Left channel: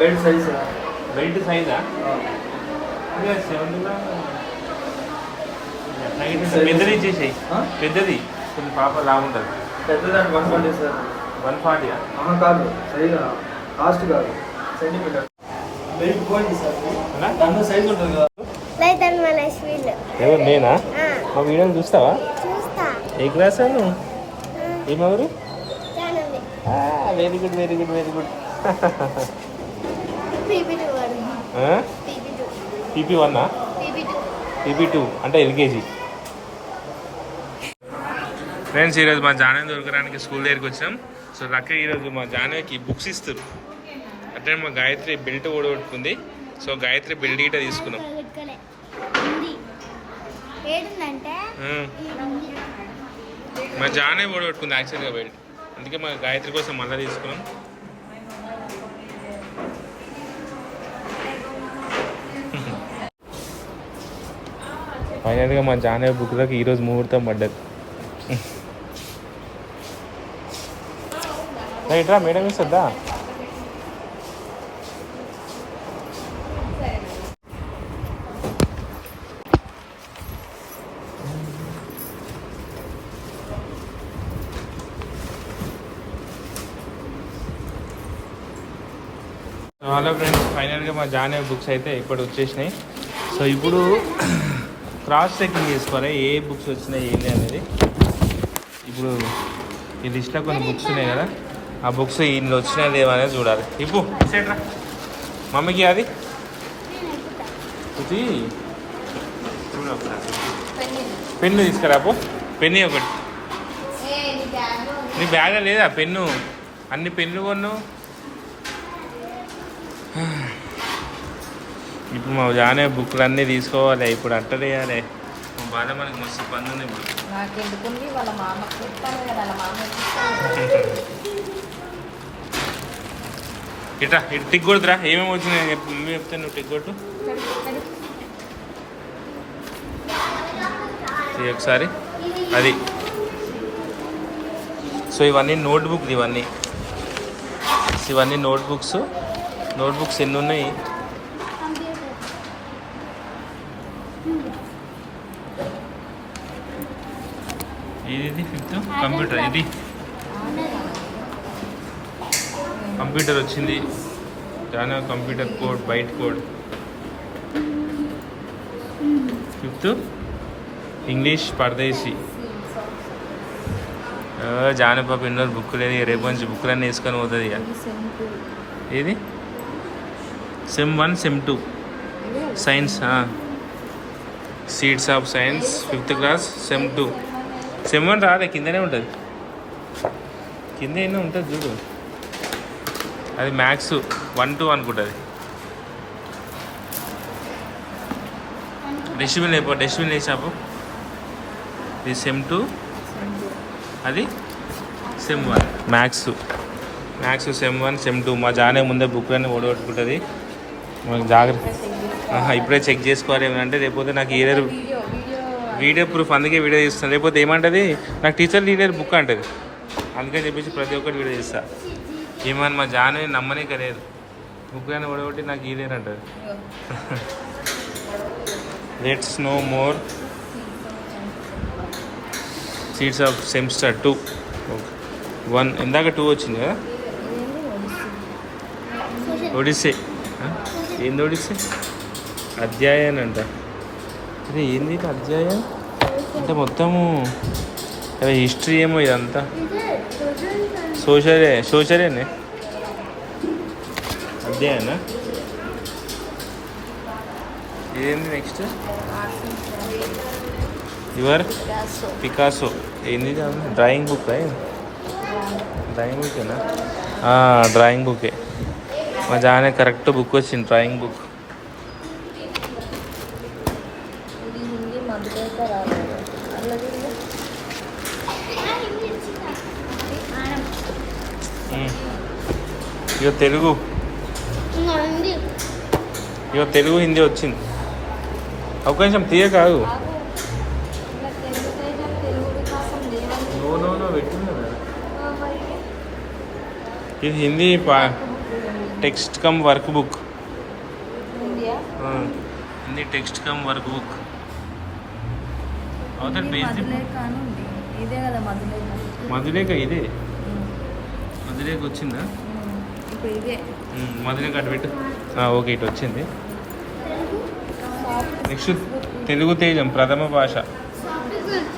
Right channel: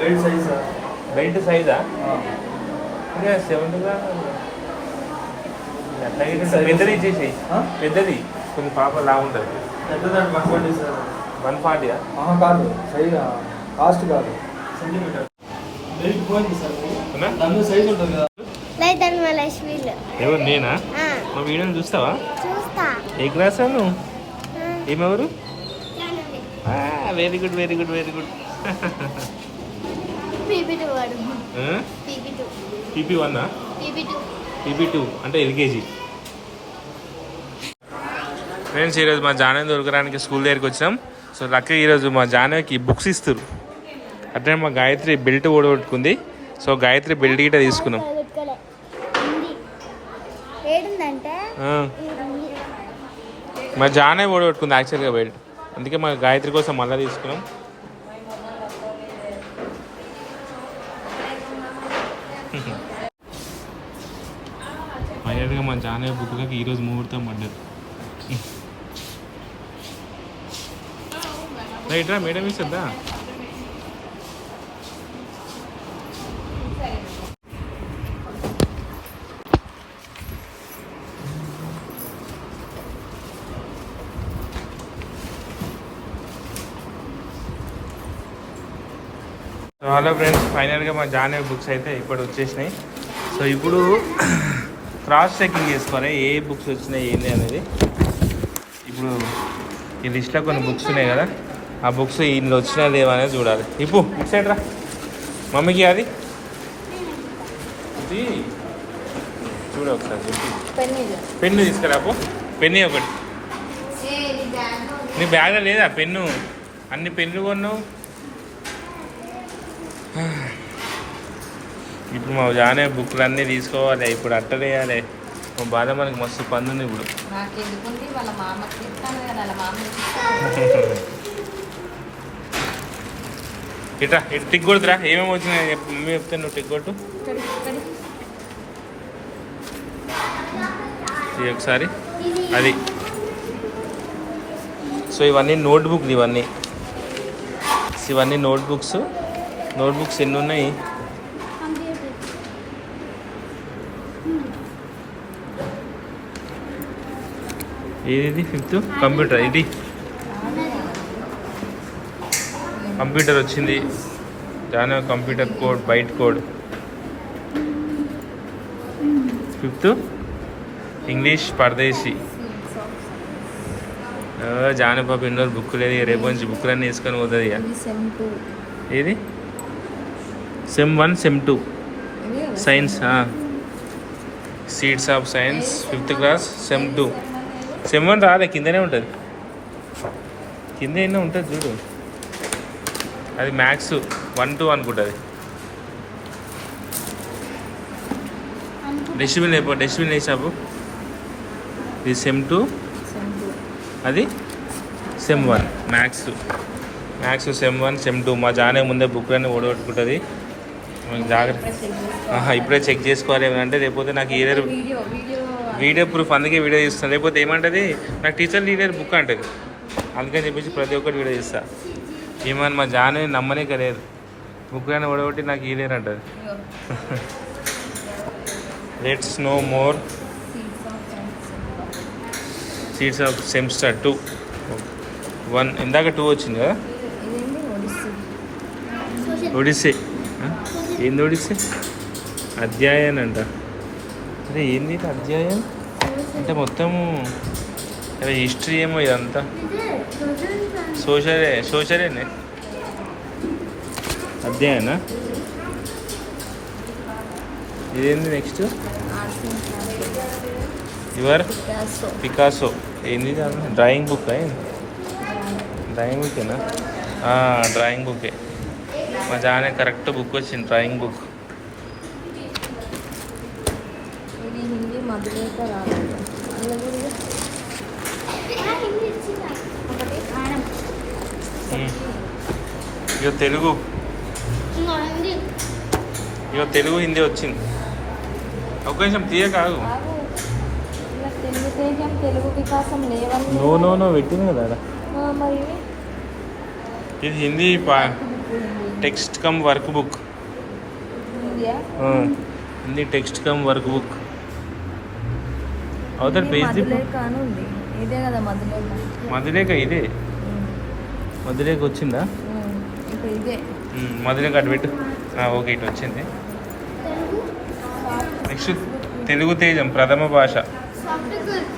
Belt size belt సైజా seventh పెద్దది ఇచ్చేసేయి. పెద్దది. కొంచెం పాప లా ఉంటుంది. పెద్దదాన్ని వన్ ఫార్టీ సార్ వన్ ఫార్టీయా ఆహా కాదు. సైజ్ కాస్ట్ కాదు. సెంటీమీటర్ బెల్ట్ పోయింది సార్ ఇది. అవునా? దాని సైజ్ ఉంటుంది కదా. ఎవరు నేనా? మా వీడియోని చూస్తావా? చూస్తా. ఏ క్లాస్ నువ్వు ఏమెవరు? Very good very good very good PP వాడు. పీపీ టూ వన్నా పీపీ అంటే ఎల్కేజీ. ఫ్రెండ్స్ ఈరోజు మా జానవి దొరకడానికి స్కూల్ దగ్గరికి వచ్చాం. సో లక్కీ ఈరోజు మా జానవికి బుక్స్ ఇస్తారు అట్లనే మా గాయత్రి బెల్ట్ ఓడగొట్టుకుంది. సో గాయత్రి బెల్ట్ గిట్ట తీసుకున్నాం. మా జానవి ఓడగొట్టుకుంది యాక్చువల్గా బెల్ట్ అందుకే మా గాయత్రి కోసం మళ్ళీ తీసుకున్నాం. ఫైనల్గా మా జానవి బుక్లకు ఈరోజు ముహూర్తం పడ్డది. రైట్ రా మేడం ఇస్తుందా హలో ఫ్రెండ్స్ ఫైనల్గా మా జానవి బుక్స్ అయితే ఇప్పుడు వచ్చేసినాయి. సో ఇప్పుడు క్రాస్ చెకింగ్ చేసుకోవాలి ఏ బుక్స్ వచ్చినాయి ఏంటి అనేది. ఇప్పుడు ఈ లిస్ట్లో కొన్ని బుక్స్ ఉన్నాయి కదా ఆ బుక్స్ ఇందులో వచ్చినాయి లేవా అనేది చూడాలి. ఇప్పుడు సైడ్ రా. మమ్మీకి అది. ఇది. చూడు ఒకసారి. పెన్ను తీసుకురాపు పెన్ను ఒకటి. నీ బ్యాగ్ లేదా? పెన్ను. అన్ని పెన్ను కొన్నావు. ఇప్పుడు మా జానే బుక్లు అన్నీ తీసుకోవాలి ఇప్పుడు అట్టదేయాలి మా బాధ మనకి మస్తు పని ఉంది ఇప్పుడు చెప్తాను ఇట్రా ఇటు టిక్ కొడుతురా ఏమేమి వచ్చినాయి. మమ్మీ చెప్తే నువ్వు టిక్ కొట్టు. ఒకసారి. అది. సో ఇవన్నీ నోట్బుక్లు ఇవన్నీ. ఇవన్నీ నోట్బుక్స్. నోట్బుక్స్ ఎన్ని ఉన్నాయి ఇది ఫిఫ్త్? కంప్యూటర్ ఇది. కంప్యూటర్ వచ్చింది. దాని computer code byte code. Fifth? English పరదేశీ. జానపాప ఎన్నో బుక్ లేదు రేపు నుంచి బుక్లన్నీ వేసుకొని పోతుంది ఇక. ఏది? Sem one sem two science seeds of science fifth class sem two sem one రాలే కిందనే ఉంటుంది. కింద ఎన్నో ఉంటుంది చూడు. అది మ్యాథ్స్ వన్ టూ అనుకుంటుంది. డస్ట్బిన్ అయిపో డస్ట్బిన్ వేసాపు ఇది సెమ్ టూ అది sem one maths maths sem one sem two మా జానే ముందే బుక్లన్నీ ఓడగొట్టుకుంటుంది. జాగ్రత్త. ఇప్పుడే చెక్ చేసుకోవాలి ఏమంటే లేకపోతే నాకు ఏదైనా వీడియో ప్రూఫ్ అందుకే వీడియో చేస్తాను లేకపోతే ఏమంటది? నాకు టీచర్ లీడర్ బుక్ అంటది. అందుకని చెప్పేసి ప్రతి ఒక్కటి వీడియో చేస్తా ఏమని మా జానే నమ్మనే కలేదు బుక్ అని ఓడగొట్టి నాకు ఈలేరు అంటది. Let's no more seats of semester two one ఇందాక టూ వచ్చింది కదా? ఒడిస్సే. ఆ? ఏంది ఒడిస్సే అధ్యాయం అంట. అరే ఏంది అధ్యాయం అంటే మొత్తము అదే హిస్టరీ ఏమో ఇదంతా. సోషలే సోషలేనే అధ్యాయనా? ఇదేంది నెక్స్ట్ యువర్ పికాసో. ఏంది డ్రాయింగ్ బుక్ డ్రాయింగ్ బుక్కేనా? డ్రాయింగ్ బుకే మా జానే కరెక్ట్ బుక్ వచ్చింది డ్రాయింగ్ బుక్ ఇక తెలుగు ఇక తెలుగు హిందీ వచ్చింది ఒక నిమిషం తీయ కాదు నువ్వు నువ్వు నువ్వు పెట్టింది కదా ఇది హిందీ పా text cum work book Hindi text cum work book అవుతారు పేజ్ మధులేఖ ఉంది. ఇదే మధులేఖ. మధులేఖ వచ్చిందా? మధులేఖ అటు పెట్టు. ఆ, ఓకే ఇటు వచ్చింది. నెక్స్ట్ తెలుగు తేజం ప్రథమ భాష.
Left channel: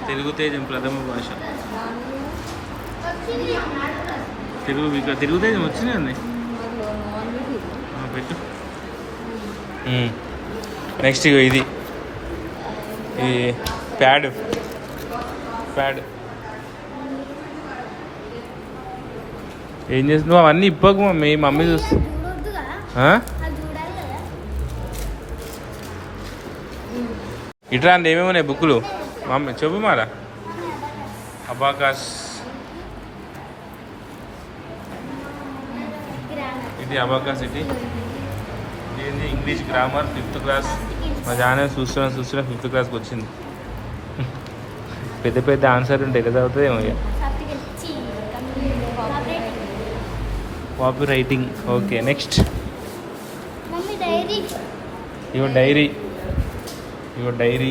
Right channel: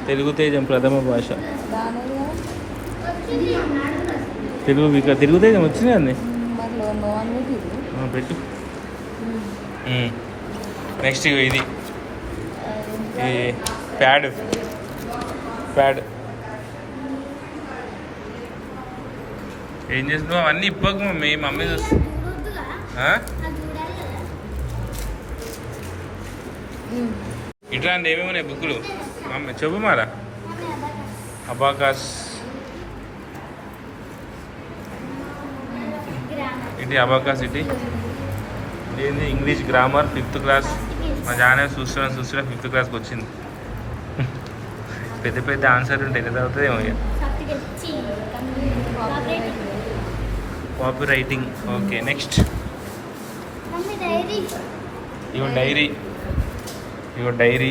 తెలుగు. తేజం ప్రథమ భాష. తెలుగు తెలుగు తేజం వచ్చింది అండి మరి లో- లో అని ఇది. ఆ, పెట్టు. నెక్స్ట్ ఇగో ఇది. ఈ ప్యాడ్. ప్యాడ్. ఏం చేస్తున్నావు? అవన్నీ ఇప్పకు మమ్మీ మమ్మీ చూస్తా చూడొద్దుగా ఆ? అది చూడాలి కదా. ఇట్లా అండి ఏమేమి ఉన్నాయి బుక్కులు? మమ్మీ చెప్పు మారా. అబాకాస్. గ్రామర్ ఇది అబాకాస్ ఇది. ఏంది? ఇంగ్లీష్ గ్రామర్ ఫిఫ్త్ క్లాస్ మా జానే చూస్తున్నా చూస్తున్నా ఫిఫ్త్ క్లాస్కి వచ్చింది. పెద్ద పెద్ద ఆన్సర్ ఉంటాయి ఎలా అవుతుంది ఏమో ఇక. Copy writing okay next mummy diary ఇవో డైరీ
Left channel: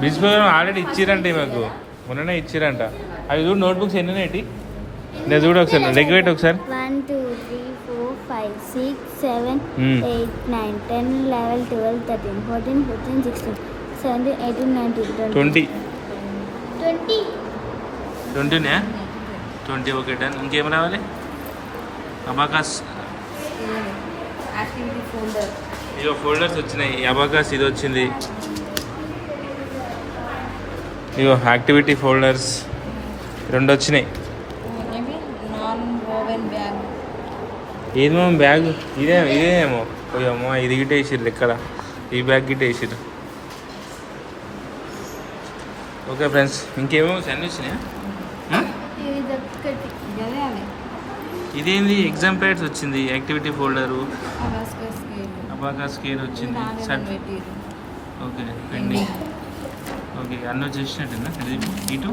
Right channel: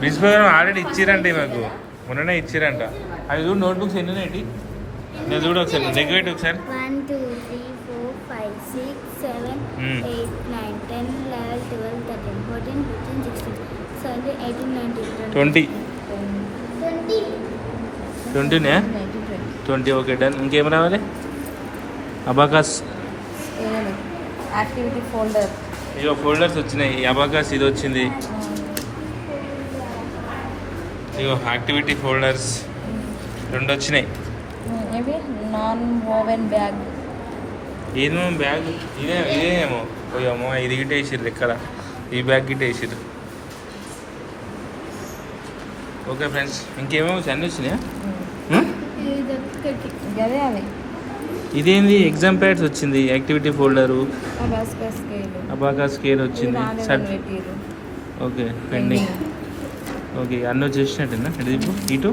బ్రిడ్జ్ ప్రోగ్రామ్ ఆల్రెడీ ఇచ్చిరండి మాకు మొన్ననే ఇచ్చిరంట. అవి చూడు నోట్బుక్స్ ఎన్ని ఉన్నాయి నేను చూడు ఒకసారి లెగ్ ఒకసారి. One two three four five six seven. Eight nine ten eleven twelve thirteen fourteen fifteen sixteen seventeen eighteen nineteen twenty twenty ట్వంటీనే twenty okay done ఇంకేం రావాలి? అబాకాస్ యాక్టివిటీ ఫోల్డర్ ఇక ఫోల్డర్స్ వచ్చినాయి. అబాకాస్ ఇది వచ్చింది. ఇగో యాక్టివిటీ ఫోల్డర్స్ రెండు వచ్చినాయి. Oven bag? ఏమో బ్యాగ్? ఇదే ఇదేమో పోయామో ఇది గిట్ట వేసిర్రు ఎక్కడ ఈ బ్యాగ్ గిట్ట వేసిర్రు. ఓకే ఫ్రెండ్స్ ఇంకేమో అన్నీ వచ్చినాయా హ్మ్? అదే అవి. ఇదేంది? ఎగ్జామ్ ప్యాడ్స్ వచ్చింది యాక్టివిటీ ఫోల్డరు అబాకా స్కేల్ వచ్చింది. ఓకే పెండింగ్ ఓకే అన్నీ వచ్చేసినట్టేనా? ఇటు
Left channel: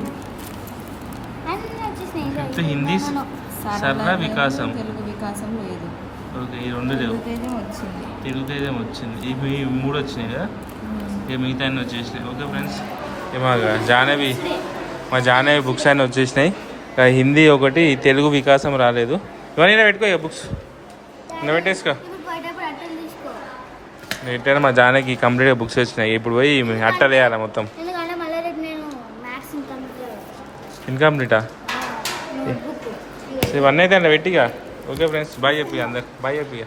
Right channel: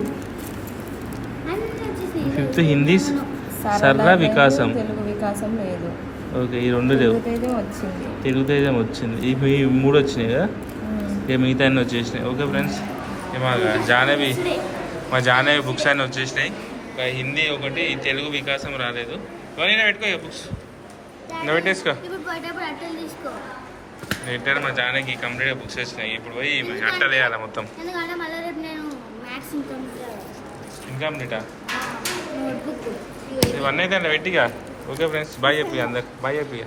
ఫిఫ్త్ హిందీ సర్ర వికాసం. తెలుగు వికాసం లేదు. ఓకే ఈ రెండు లేవు. తెలుగు తేజం వచ్చింది. తెలుగు తేజం వచ్చింది ఇవి మూడు వచ్చినాయి కదా? ఇక మిగతా అన్నీ వచ్చేసినాయి. Okay friends. ఇక మా జాహ్నవి మా జాహ్నవి బుక్స్ అన్నీ వచ్చేసినాయి. ఇక హిందీ ఒకటి తెలుగు వికాసం రాలేదు. ఇవన్నీ పెట్టుకో ఇక బుక్స్. ఇలా పెట్టేసుకో. మా జానకి కంప్లీట్గా బుక్స్ వచ్చినాయి. ఇప్పుడు పోయి అట్టలు వేయాలి మొత్తం. ఇన్కంప్లీటా ఇవన్నీ అయితే అలా ఓకే ఫ్రెండ్స్ బాయ్ చెప్పి అందరు. బాయ్ చెప్పి